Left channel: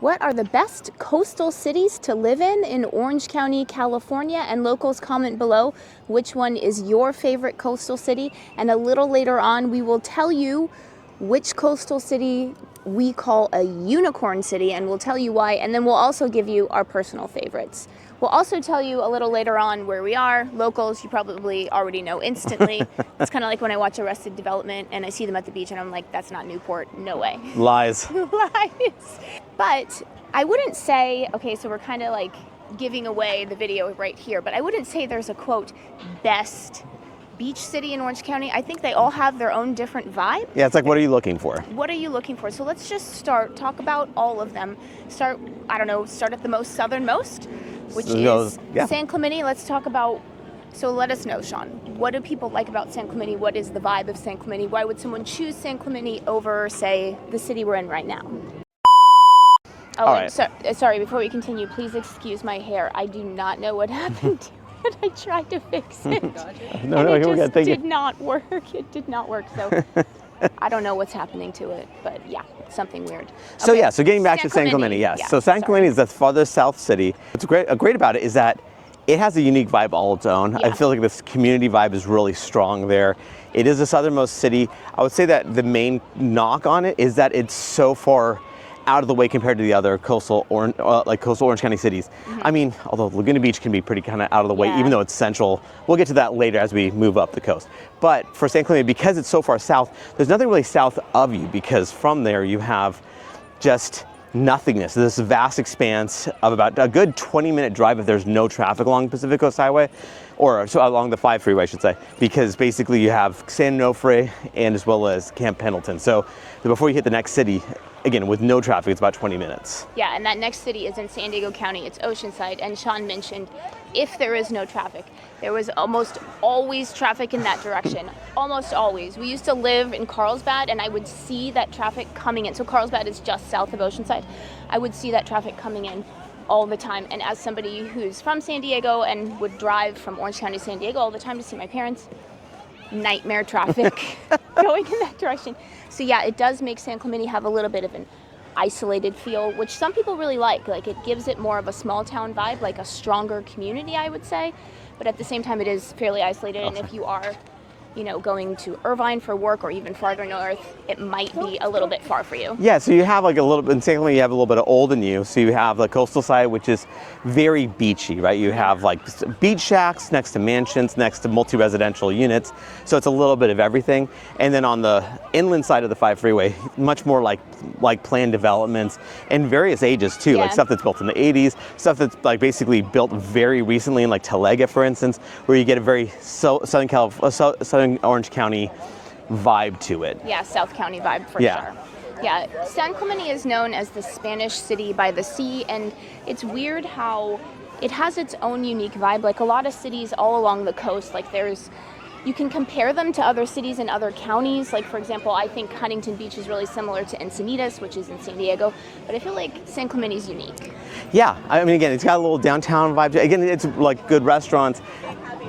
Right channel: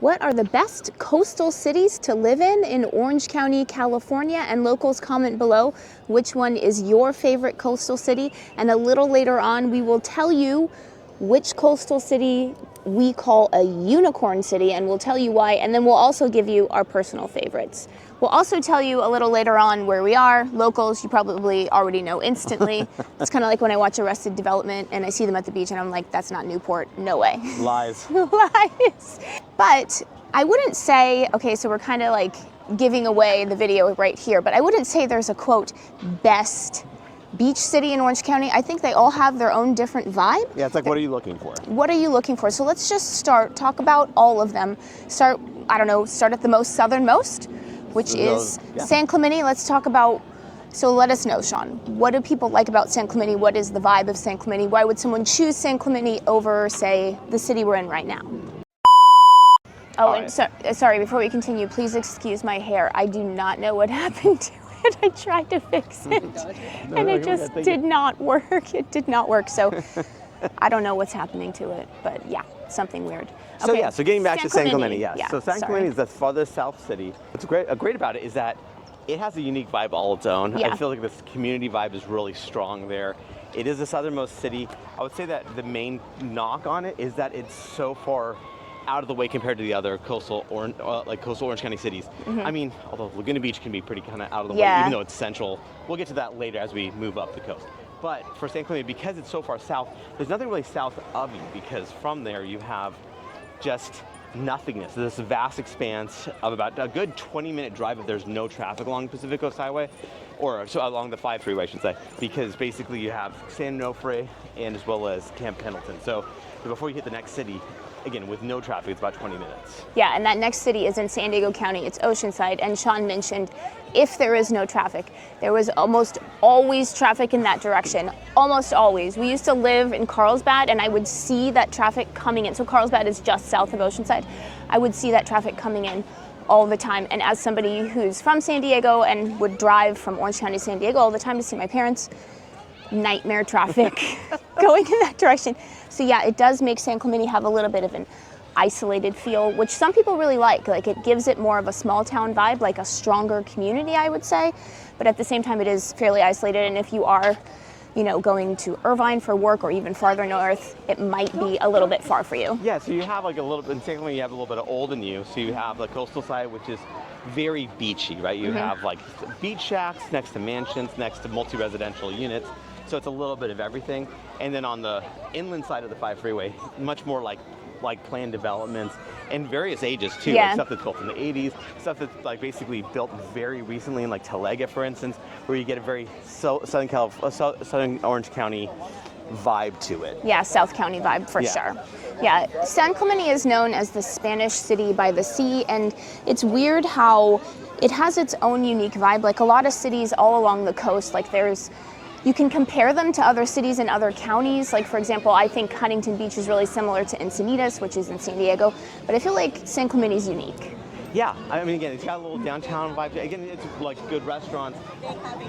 What are the best coastal cities to live in Orange County, California? And locals, comment below which one is your favorite coastal city. And a little later on, we will tell you which coastal city we call a unicorn city, and we'll tell you why. And then we'll also give you our personal favorites. We'll also tell you a little later on where we are. Locals, you probably already know instantly. It's kind of like when I watch Arrested Development and I see them at the beach and I'm like, that's not Newport, no way. Lies. Lies. But I wouldn't say, okay, so we're kind of like giving away the video right here, but I wouldn't say there's a quote, best beach city in Orange County. I think they all have their own different vibe. Yeah, it's like, what are you looking for? What are you looking for? So let's just talk about all of them. Start at the most southernmost, which is San Clemente. Let's talk about, so let us know, Sean, what do people like about San Clemente? What is the vibe of San Clemente? Why would someone choose San Clemente over, say, the city we're in right now? Oh, and sorry, before we continue, please excuse my hair. I do not know what happened to it. I tried to fix it, and it just did not work. It did not work, so I don't know what's happening to it, but yeah, something weird. So okay. So getting back to San Clemente, yes. Yeah, so San Clemente is the farthest south city. What's great about it is that it has a unique vibe all its own. Yeah. I feel like this community vibe is really strong there. It is the southernmost city. I would say that the main knock on it is that it's so far out of the way compared to the other coastal Orange County cities. I mean, although Laguna Beach can be pretty kind of out of the way, even though it's central. We'll get to that later as we move up the coast. But for San Clemente, because it's so far south, there's nothing really south of you, because from there you have just nothingness. This vast expanse of about a good 20-minute drive if there's no traffic along Pacific Coast Highway, or along the 5 freeway, I should say, because basically you have San Onofre and as well as Camp Pendleton. So before you hit the next city, again, with no traffic, it's about 20 minutes. Yeah, and that next city is in San Diego County. It's Oceanside, and Sean mentioned if there is no traffic, there was almost always traffic in that direction. Almost always. We used to live in Carlsbad, and I would see that traffic coming in. So Carlsbad is just south of Oceanside. I would see that traffic coming in all the time. And as somebody who's from San Diego and would drive from Orange County to San Diego all the time to see my parents, nightmare traffic going in that direction. So yeah, it does make San Clemente have a little bit of an isolated feel, which some people really like. Like, it gives it more of a small town vibe, like a stronger community, I would say. But at the same time, it is fairly isolated. And if you are, going to Irvine for work or even farther north, it might be a little bit far for you. Yeah, so you have like a little bit, in San Clemente, you have a little bit of old and new. So you have the coastal side, which is very beachy, right? You have like beach shacks next to mansions, next to multi-residential units. So it's a little bit of everything. And then on the inland side of the 5 freeway, much more like planned developments and various ages too, like stuff that's built in the 80s, stuff that's like basically built very recently in like Talega, for instance, where you get a very Southern Orange County vibe to it. Yeah, South County vibe for sure. Yeah, San Clemente is known as the Spanish city by the sea, and it's weird how it has its own unique vibe. Like a lot of cities all along the coast, like you can compare them to other cities in other counties. Like, for example, I think Huntington Beach is really similar to Encinitas, which is in San Diego, but I feel like San Clemente is unique. Yeah, I mean, again, it's got a little downtown vibe. Again, it's like good restaurants.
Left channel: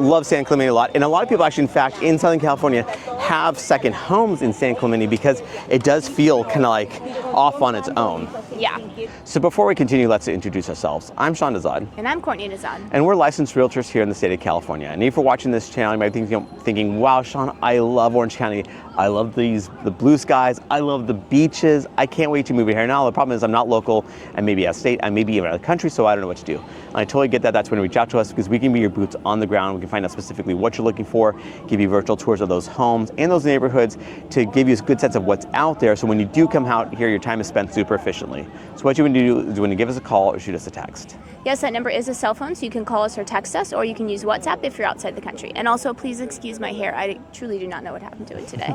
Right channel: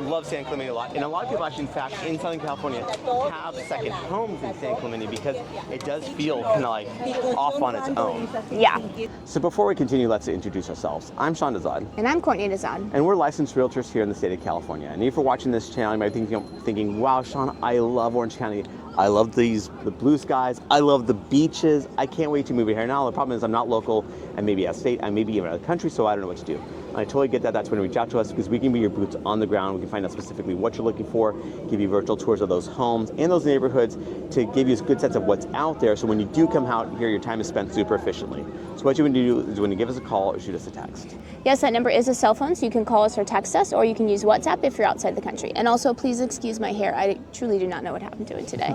Love San Clemente a lot. And a lot of people actually, in fact, in Southern California have second homes in San Clemente because it does feel kind of like off on its own. Yeah. So before we continue, let's introduce ourselves. I'm Sean Dazad. And I'm Courtney Dazad. And we're licensed realtors here in the state of California. And if you're watching this channel, you might be thinking, wow, Sean, I love Orange County. I love the blue skies. I love the beaches. I can't wait to move here. Now, the problem is I'm not local. I may be out of state. I may be even out of the country, so I don't know what to do. I totally get that. That's when you reach out to us, because we can be your boots on the ground. We can find out specifically what you're looking for, give you virtual tours of those homes and those neighborhoods to give you a good sense of what's out there. So when you do come out here, your time is spent super efficiently. So what you want to do is when you give us a call or shoot us a text. Yes, that number is a cell phone, so you can call us or text us, or you can use WhatsApp if you're outside the country. And also, please excuse my hair. I truly do not know what happened to it today.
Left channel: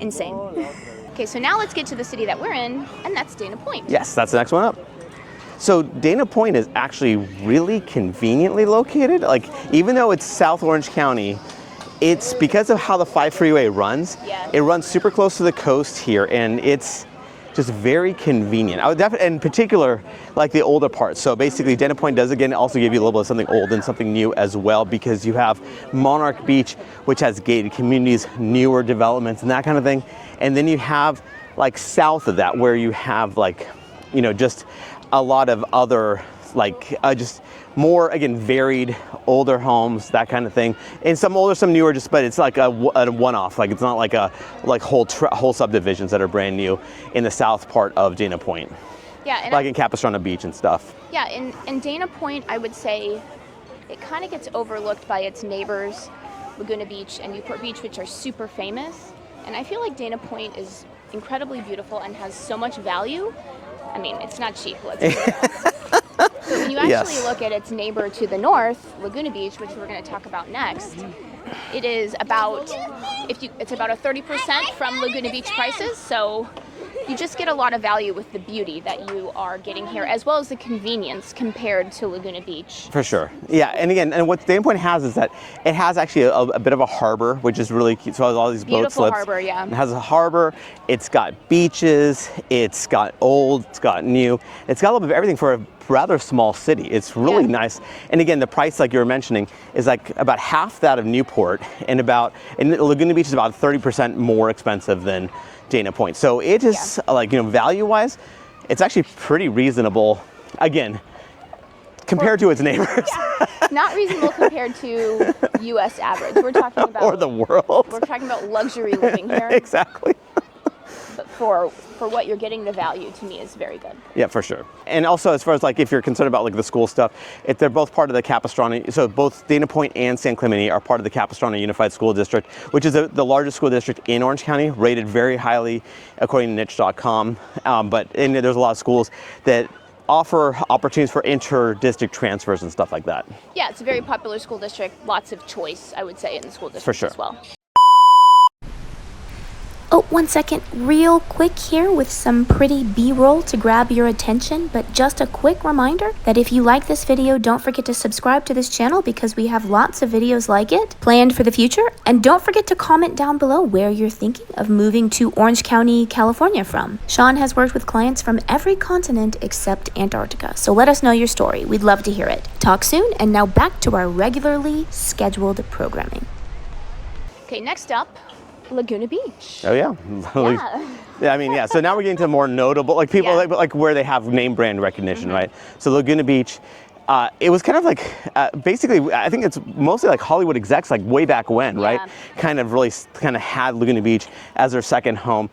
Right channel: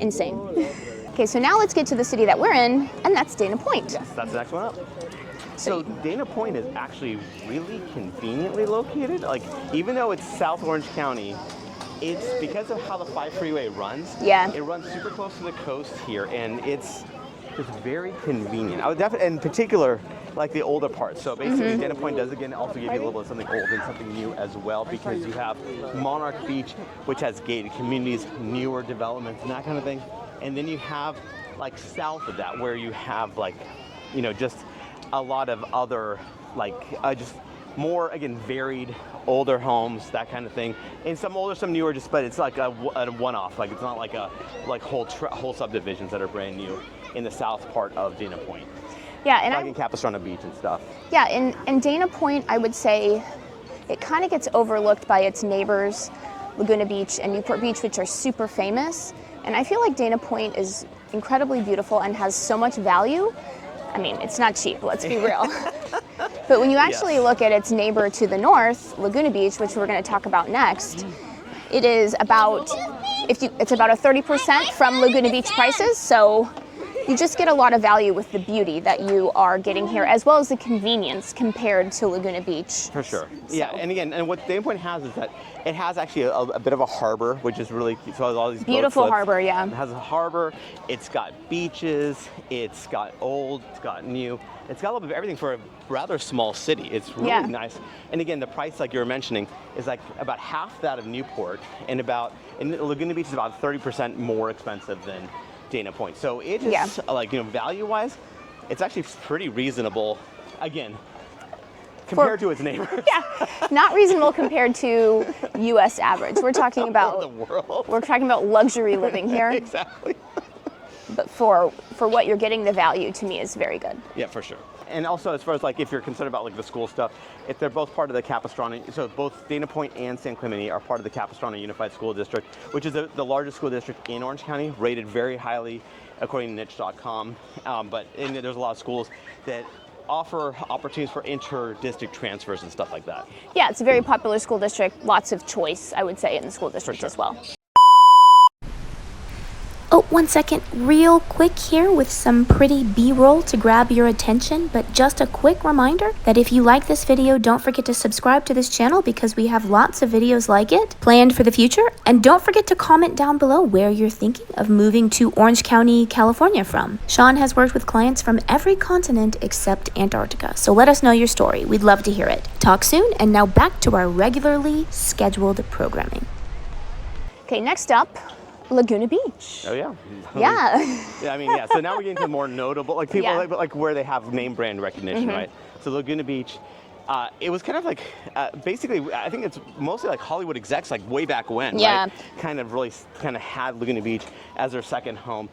Insane. Okay, so now let's get to the city that we're in, and that's Dana Point. Yes, that's the next one up. So Dana Point is actually really conveniently located. Like, even though it's South Orange County, it's because of how the 5 freeway runs. Yeah. It runs super close to the coast here, and it's just very convenient. I would definitely, in particular, like the older parts. So basically, Dana Point does again also give you a little bit of something old and something new as well, because you have Monarch Beach, which has gated communities, newer developments, and that kind of thing. And then you have like south of that, where you have like you know, just a lot of other, like, just more, again, varied, older homes, that kind of thing. And some older, some newer, just, but it's like a one-off. Like, it's not like whole subdivisions that are brand new in the south part of Dana Point. Yeah. And like in Capistrano Beach and stuff. Yeah, in Dana Point, I would say it kind of gets overlooked by its neighbors, Laguna Beach and Newport Beach, which are super famous. And I feel like Dana Point is incredibly beautiful and has so much value. I mean, it's not cheap, let's be real. But when you actually look at its neighbor to the north, Laguna Beach, which we're going to talk about next, it is about, it's about a 30% from Laguna Beach prices. So you just get a lot of value with the beauty that you are getting here, as well as the convenience compared to Laguna Beach. For sure. Yeah, and again, and what Dana Point has is that it has actually a bit of a harbor, which is really cute. So it has all these beautiful boat slips. Harbor, yeah. It has a harbor. It's got beaches. It's got old. It's got new. It's got a little bit of everything for a rather small city. It's really nice. And again, the price, like you were mentioning, is like about half that of Newport, and Laguna Beach is about 30% more expensive than Dana Point. So it is like, you know, value-wise, it's actually pretty reasonable, again, compared to its neighbors. Yeah, not reasonable compared to U.S. average. We're talking about or the world. We're talking about luxury living here. Exactly. But for what you're getting, the value to me is very good. Yeah, for sure. And also, as far as like if you're concerned about like the school stuff, if they're both part of the Capistrano, so both Dana Point and San Clemente are part of the Capistrano Unified School District, which is the largest school district in Orange County, rated very highly according to niche.com. But there's a lot of schools that offer opportunities for inter-district transfers and stuff like that. Yeah, it's a very popular school district. Lots of choice, I would say, in the school district as well. Oh, 1 second, real quick here with some pretty B-roll to grab your attention, but just a quick reminder that if you like this video, don't forget to subscribe to this channel because we have lots of videos like it planned for the future. And don't forget to comment down below where you're thinking of moving to Orange County, California from. Sean has worked with clients from every continent except Antarctica, so let us know your story. We'd love to hear it. Talk soon, and now back to our regularly scheduled programming. Okay, next up, Laguna Beach. Oh yeah. Yeah. I mean, yeah. So now we're getting to more notable, like people like where they have name brand recognition, right? So Laguna Beach, it was kind of like basically, I think it's mostly like Hollywood execs, like way back when, right? Kind of had Laguna Beach as their second home.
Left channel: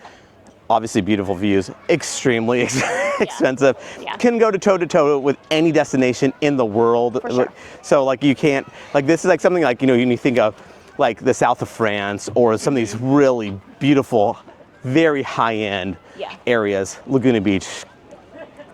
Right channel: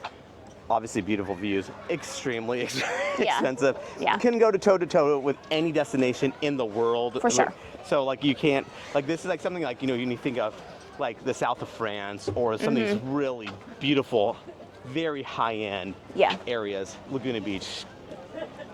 Obviously beautiful views, extremely expensive. Yeah. Can go toe to toe with any destination in the world. For sure. So like you can't, like this is like something like, you know, you think of like the south of France or some of these really beautiful, very high-end areas. Laguna Beach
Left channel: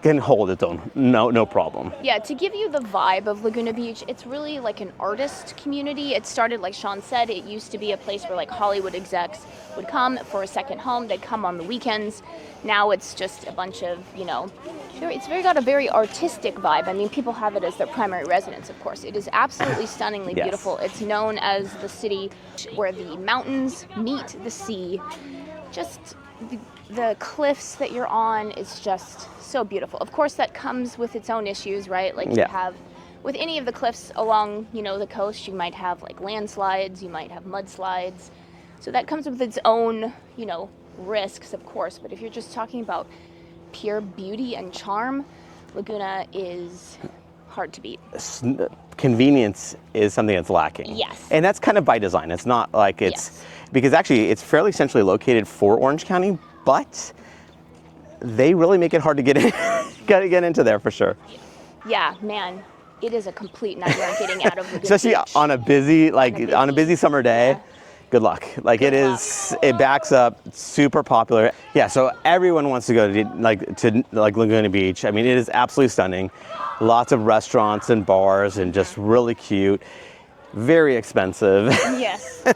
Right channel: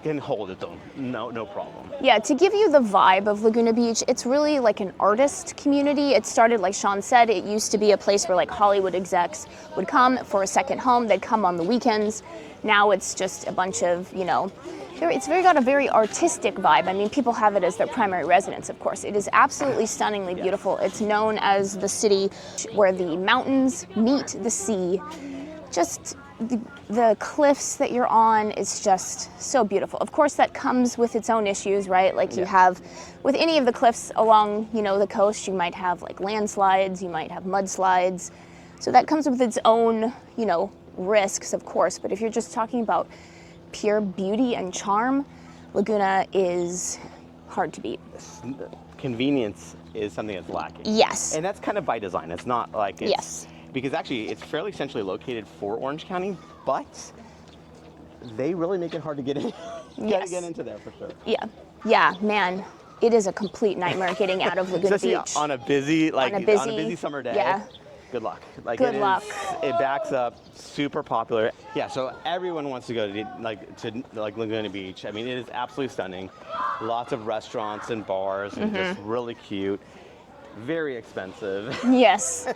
can hold its own, no problem. Yeah, to give you the vibe of Laguna Beach, it's really like an artist community. It started, like Sean said, it used to be a place where like Hollywood execs would come for a second home. They'd come on the weekends. Now it's just a bunch of, you know, it's got a very artistic vibe. I mean, people have it as their primary residence, of course. It is absolutely stunningly beautiful. It's known as the city where the mountains meet the sea. Just the cliffs that you're on is just so beautiful. Of course, that comes with its own issues, right? Like you have, with any of the cliffs along, you know, the coast, you might have like landslides, you might have mudslides. So that comes with its own, you know, risks, of course. But if you're just talking about pure beauty and charm, Laguna is hard to beat. Convenience is something that's lacking. Yes. And that's kind of by design. It's not like it's, because actually it's fairly centrally located for Orange County, but they really make it hard to get in, get into there for sure. Yeah. Yeah, man, it is a complete nightmare getting out of Laguna Especially Beach. on a busy summer day. Yeah. Good luck. Like it backs up, super popular. Yeah, so everyone wants to go to Laguna Beach. I mean, it is absolutely stunning. Lots of restaurants and bars and just really cute. Very expensive. Yes.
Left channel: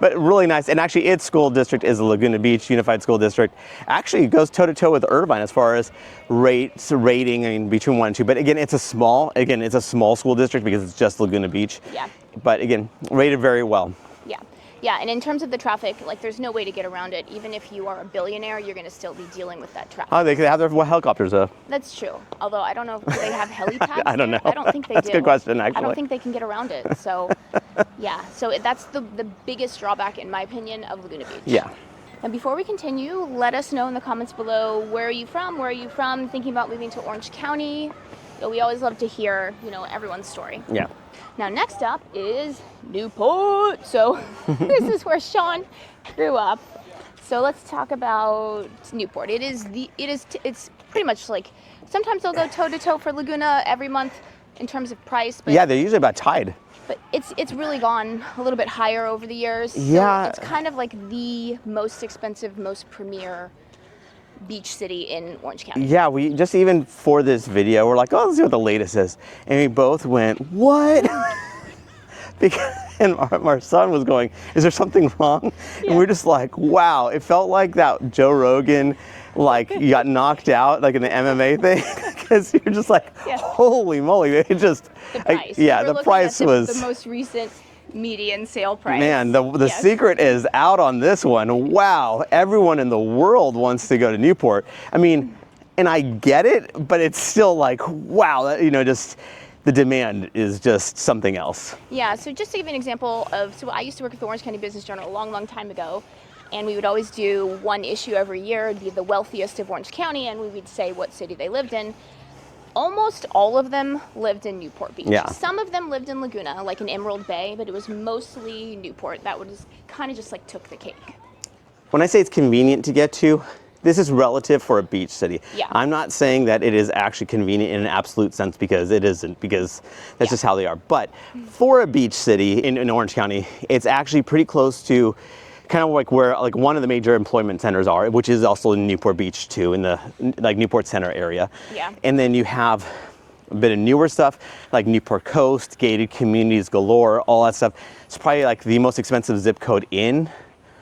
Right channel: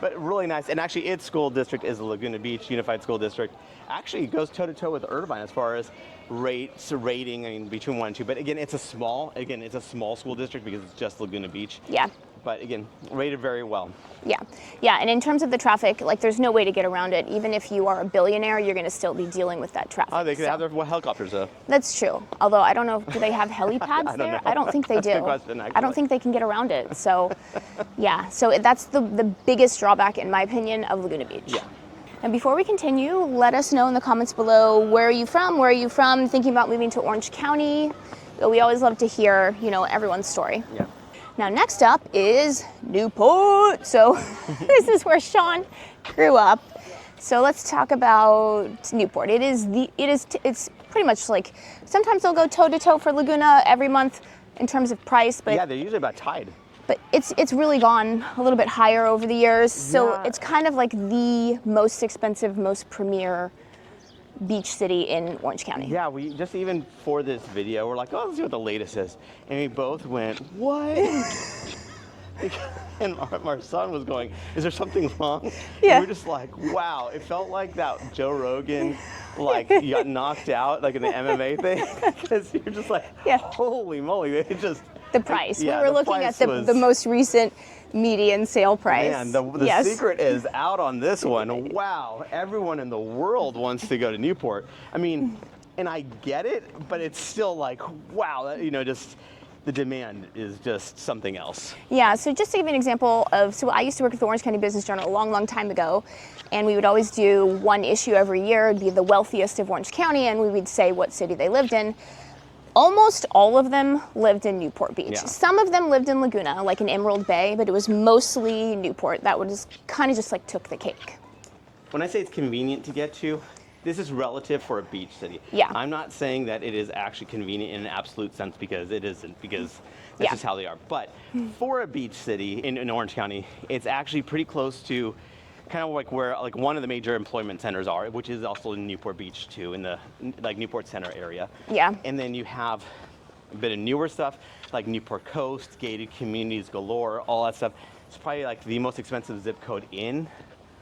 But really nice. And actually its school district is the Laguna Beach Unified School District. Actually it goes toe to toe with Irvine as far as rating, I mean, between 1 and 2. But again, it's a small school district because it's just Laguna Beach. Yeah. But again, rated very well. Yeah. Yeah, and in terms of the traffic, like there's no way to get around it. Even if you are a billionaire, you're going to still be dealing with that traffic. Oh, they could have their helicopters though. That's true. Although I don't know, do they have helipads? I don't know. I don't think they do. That's a good question, actually. I don't think they can get around it. So, yeah. So that's the biggest drawback, in my opinion, of Laguna Beach. Yeah. Now, before we continue, let us know in the comments below, where are you from? Where are you from? Thinking about moving to Orange County? We always love to hear, everyone's story. Yeah. Now, next up is Newport. So this is where Sean grew up. So let's talk about Newport. It's pretty much like, sometimes they'll go toe to toe for Laguna every month in terms of price. But yeah, they're usually about tied. But it's really gone a little bit higher over the years. So it's kind of like the most expensive, most premier beach city in Orange County. Yeah, we just, even for this video, we're like, oh, let's see what the latest is. And we both went, what? And our son was going, is there something wrong? Yeah. And we're just like, wow. It felt like that Joe Rogan, like, you got knocked out, like in the MMA thing. Because you're just like, holy moly. It just, the price. The price was the most recent median sale price. Man, the secret is out on this one. Wow, everyone in the world wants to go to Newport. I mean, and I get it, but it's still like, wow, just the demand is just something else. Yeah, so just to give you an example so I used to work at the Orange County Business Journal a long, long time ago, and we would always do one issue every year. It'd be the wealthiest of Orange County, and we would say what city they lived in. Almost all of them lived in Newport Beach. Yeah. Some of them lived in Laguna, like in Emerald Bay, but it was mostly Newport. That was kind of just like took the cake. When I say it's convenient to get to, this is relative for a beach city. Yeah. I'm not saying that it is actually convenient in an absolute sense, because it isn't, because that's just how they are. But for a beach city in Orange County, it's actually pretty close to kind of like where one of the major employment centers are, which is also in Newport Beach too, in the Newport Center area. Yeah. And then you have a bit of newer stuff like Newport Coast, gated communities galore, all that stuff. It's probably like the most expensive zip code in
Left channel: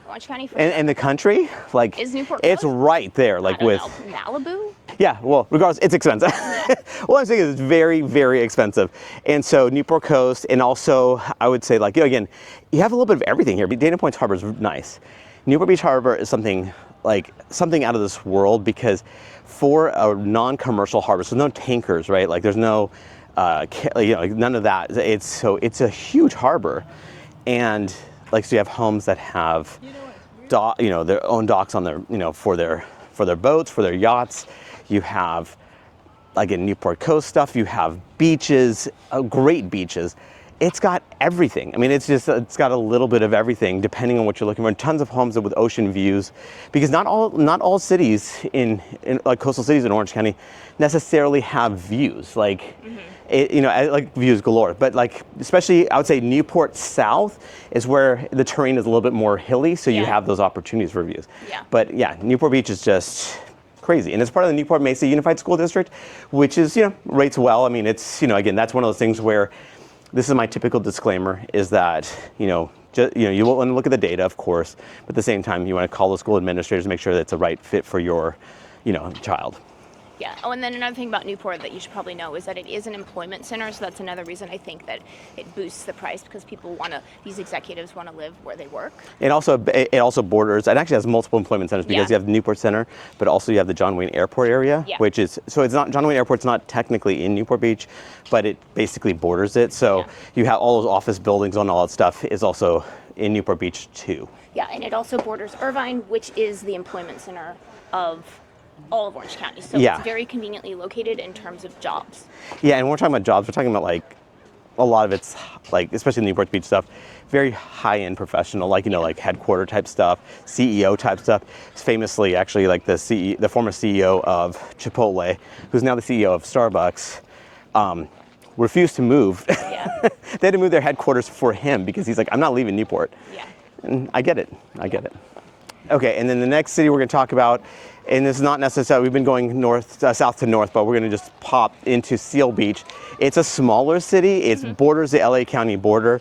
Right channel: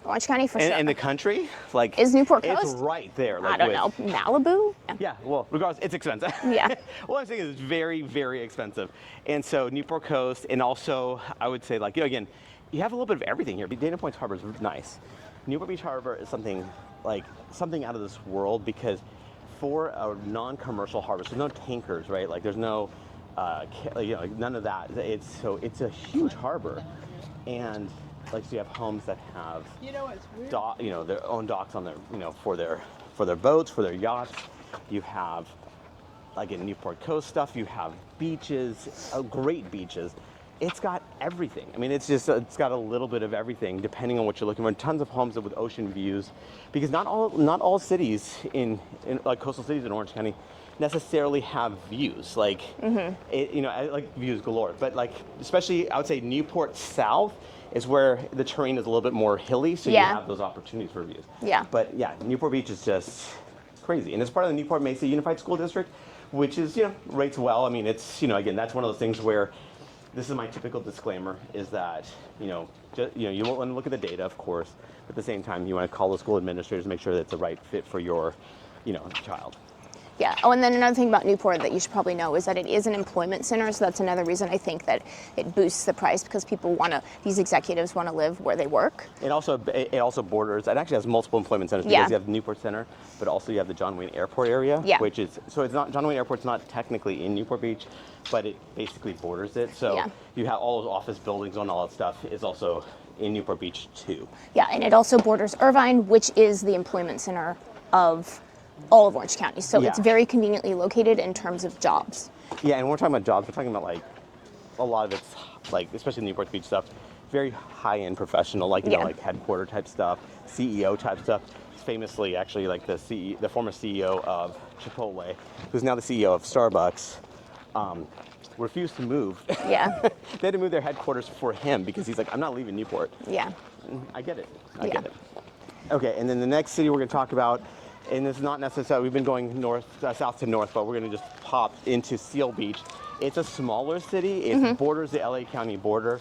Orange County for sure. In the country, like, is Newport Coast? It's right there, like, I don't know. Malibu? Yeah, well, regardless, it's expensive. Yeah. What I'm saying is it's very, very expensive. And so Newport Coast, and also I would say, like, again, you have a little bit of everything here. Dana Point's harbor is nice. Newport Beach Harbor is something out of this world, because for a non-commercial harbor, so no tankers, right? Like, there's no, none of that. It's a huge harbor, and so you have homes that have, their own docks on their, for their boats, for their yachts. You have, like in Newport Coast stuff, you have beaches, great beaches. It's got everything. I mean, it's got a little bit of everything depending on what you're looking for. And tons of homes with ocean views, because not all cities in like coastal cities in Orange County necessarily have views, like like views galore. But like, especially I would say Newport South is where the terrain is a little bit more hilly, so you have those opportunities for views. Yeah. But yeah, Newport Beach is just crazy, and it's part of the Newport Mesa Unified School District, which is rates well. I mean, it's again, that's one of those things where, this is my typical disclaimer, is that you want to look at the data, of course, but at the same time you want to call the school administrators to make sure that it's a right fit for your child. Yeah. Oh, and then another thing about Newport that you should probably know is that it is an employment center, so that's another reason I think that it boosts the price, because these executives want to live where they work. It also borders, it actually has multiple employment centers, because you have the Newport Center, but also you have the John Wayne Airport area, which is, so it's not, John Wayne Airport's not technically in Newport Beach, but it basically borders it. So you have all those office buildings and all that stuff is also in Newport Beach too. Yeah, and it also borders Irvine, which is the employment center of all of Orange County. So it's very conveniently located in terms of jobs. Yeah, and when we're talking about jobs, we're talking about like a lot of it's like, especially the Newport Beach stuff, very high-end professional, like like headquarter type stuff, CEO type stuff. It's famously actually like the former CEO of Chipotle, who's now the CEO of Starbucks, refused to move. Yeah. They had to move their headquarters for him, because he's like, I'm not leaving Newport. Yeah. And I get it. I get it. Okay, and then the next city we're going to talk about, and this is not necessarily, we've been going south to north, but we're going to just pop into Seal Beach. It's a smaller city. It borders the LA County border.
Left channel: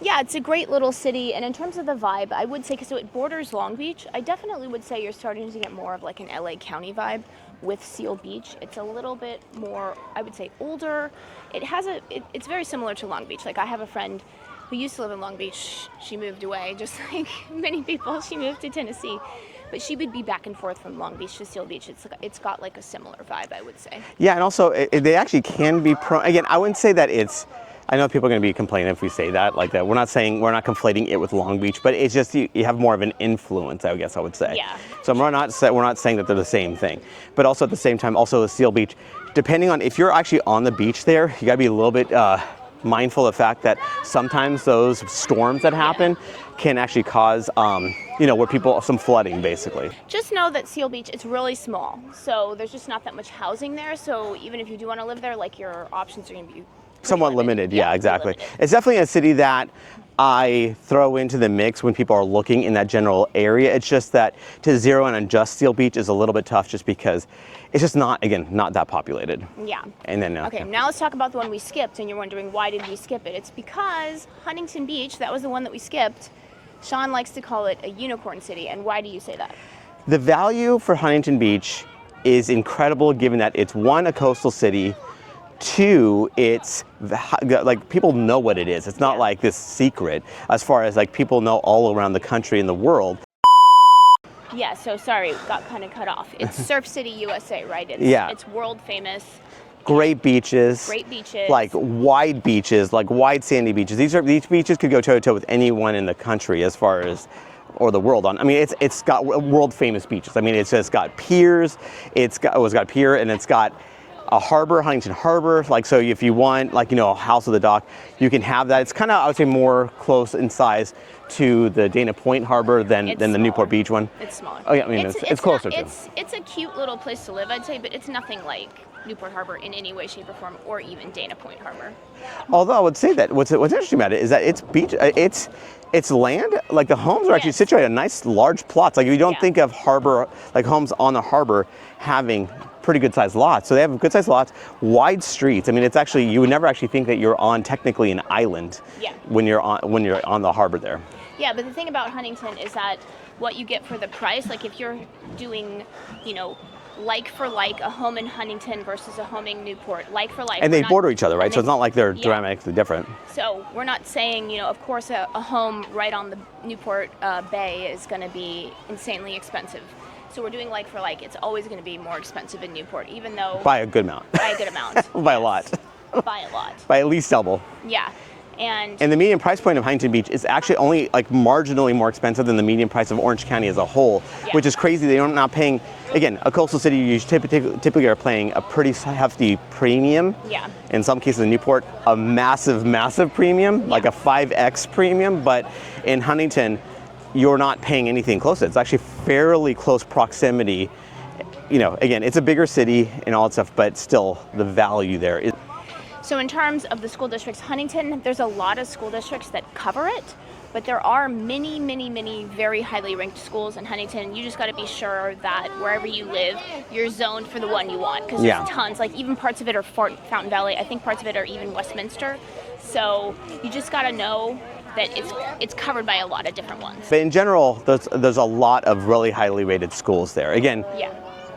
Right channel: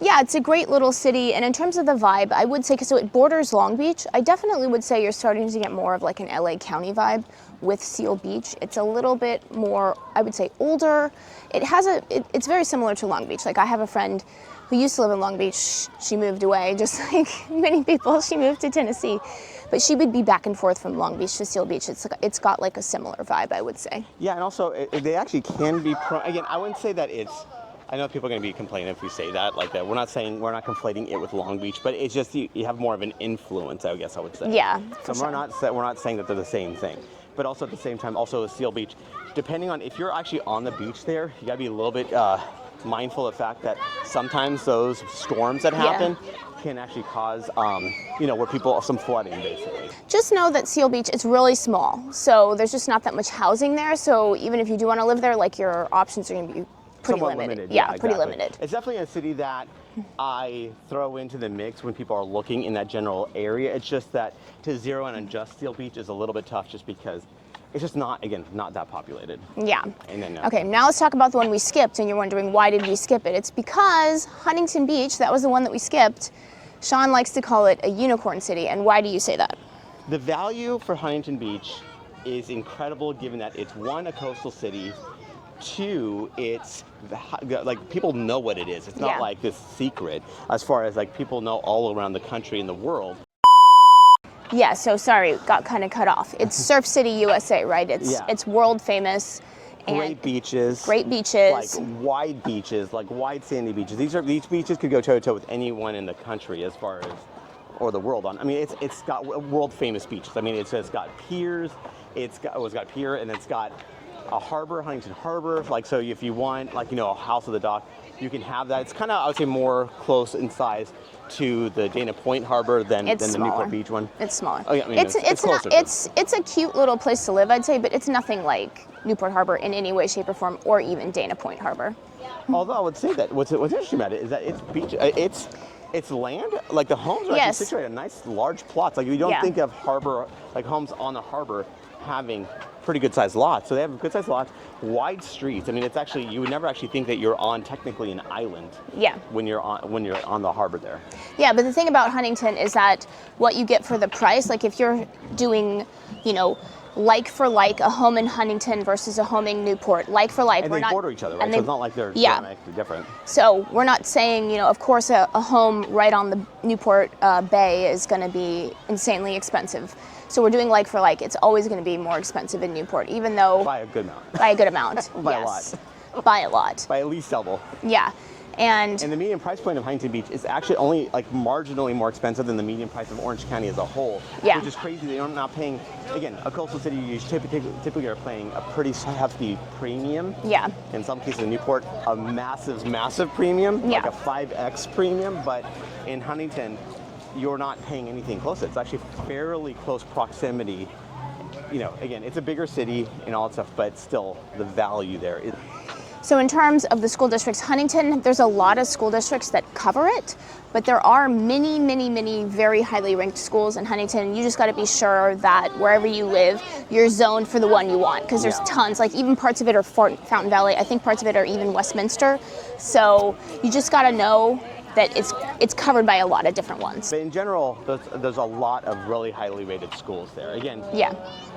Yeah, it's a great little city, and in terms of the vibe, I would say, so it borders Long Beach. I definitely would say you're starting to get more of like an LA County vibe with Seal Beach. It's a little bit more, I would say, older. It's very similar to Long Beach. Like, I have a friend who used to live in Long Beach. She moved away, just like many people. She moved to Tennessee. But she would be back and forth from Long Beach to Seal Beach. It's got like a similar vibe, I would say. Yeah, and also they actually can be again, I wouldn't say that it's I know people are going to be complaining if we say that like that. We're not conflating it with Long Beach, but it's just you have more of an influence, I guess I would say. Yeah. So we're not saying that they're the same thing, but also at the same time, also Seal Beach, depending on if you're actually on the beach there, you got to be a little bit mindful of the fact that sometimes those storms that happen can actually cause, some flooding basically. Just know that Seal Beach is really small, so there's just not that much housing there. So even if you do want to live there, like your options are going to be somewhat limited. Yeah, exactly. Limited. It's definitely a city that I throw into the mix when people are looking in that general area. It's just that to zero in on just Seal Beach is a little bit tough just because it's just not that populated. Yeah. And then okay, now let's talk about the one we skipped, and you're wondering why did we skip it? It's because Huntington Beach, that was the one that we skipped. Sean likes to call it a unicorn city, and why do you say that? The value for Huntington Beach is incredible given that it's one, a coastal city, two, it's like people know what it is. It's not like this secret as far as like people know all around the country and the world. Yeah, so sorry, got kind of cut off. It's Surf City, USA, right? It's world famous. Great beaches. Great beaches. Like wide beaches, like wide sandy beaches. These beaches could go toe to toe with anyone in the country as far as, or the world on. I mean, it's got world famous beaches. I mean, it's got piers. It's got a pier, and it's got a harbor, Huntington Harbor. Like, so if you want, like, a house of the dock, you can have that. It's kind of, I would say, more close in size to the Dana Point Harbor than the Newport Beach one. It's smaller. Oh, yeah, I mean, it's closer. It's a cute little place to live, I'd say, but it's nothing like Newport Harbor in any way, shape, or form, or even Dana Point Harbor. Although I would say that what's interesting about it is that it's land. Like the homes are actually situated on nice large plots. Like you don't think of harbor, like homes on the harbor having pretty good sized lots. So they have good sized lots, wide streets. I mean, it's actually, you would never actually think that you're on technically an island when you're on the harbor there. Yeah, but the thing about Huntington is that what you get for the price, like if you're doing, like for like a home in Huntington versus a home in Newport, like for like. And they border each other, right? So it's not like they're dramatically different. So we're not saying, of course a home right on the Newport Bay is going to be insanely expensive. So we're doing like for like. It's always going to be more expensive in Newport, even though... By a good amount. By a good amount. By a lot. By a lot. By at least double. Yeah. And the median price point of Huntington Beach is actually only like marginally more expensive than the median price of Orange County as a whole, which is crazy. They're not paying, again, a coastal city, you typically are paying a pretty hefty premium. Yeah. In some cases in Newport, a massive, massive premium, like a 5X premium, but in Huntington, you're not paying anything close to it. It's actually fairly close proximity. Again, it's a bigger city and all that stuff, but still the value there is. So in terms of the school districts, Huntington, there's a lot of school districts that cover it, but there are many, many, many very highly ranked schools in Huntington. You just got to be sure that wherever you live, you're zoned for the one you want, because there's tons. Like even parts of it are Fountain Valley. I think parts of it are even Westminster. So you just got to know that it's covered by a lot of different ones. But in general, there's a lot of really highly rated schools there. Again,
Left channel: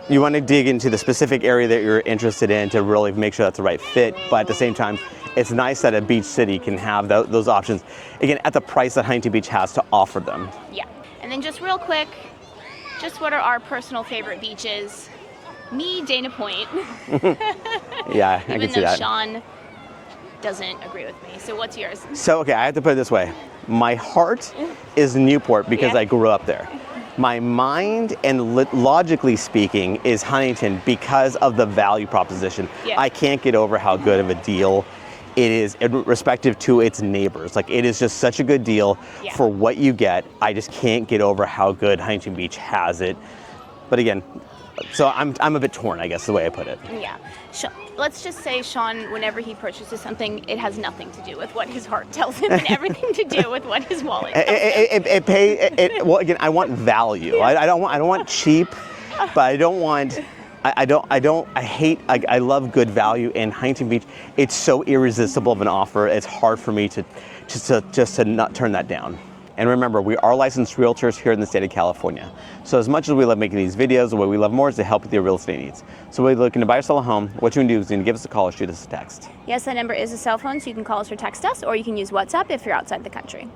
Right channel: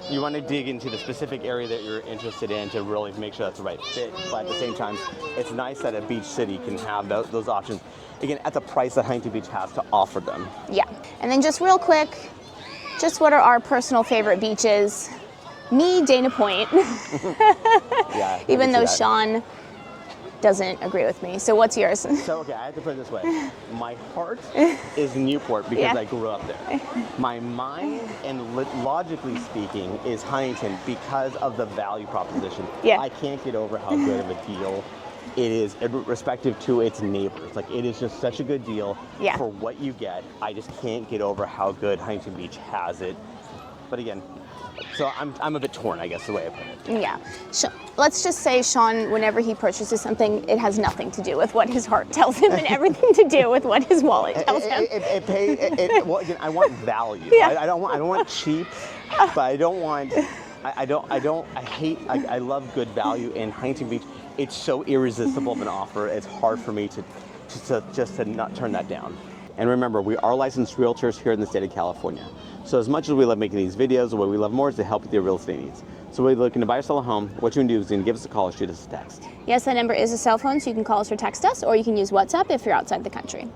you want to dig into the specific area that you're interested in to really make sure that's the right fit, but at the same time, it's nice that a beach city can have those options, again, at the price that Huntington Beach has to offer them. Yeah, and then just real quick, just what are our personal favorite beaches? Me, Dana Point. Yeah, even though Sean doesn't agree with me. So what's yours? So, okay, I have to put it this way. My heart is Newport because I grew up there. My mind and logically speaking is Huntington because of the value proposition. I can't get over how good of a deal it is respective to its neighbors. Like, it is just such a good deal for what you get. I just can't get over how good Huntington Beach has it. But again, so I'm a bit torn, I guess, is the way I put it. Yeah. Let's just say Sean, whenever he purchases something, it has nothing to do with what his heart tells him and everything to do with what his wallet tells him. Well, again, I want value. I don't want cheap, but I don't want. I love good value in Huntington Beach. It's so irresistible of an offer. It's hard for me to not turn that down. And remember, we are licensed realtors here in the state of California. So as much as we love making these videos, what we love more is to help with your real estate needs. So when you're looking to buy or sell a home, what you can do is you can give us a call or shoot us a text. Yes, that number is a cell phone, so you can call us or text us, or you can use WhatsApp if you're outside the country.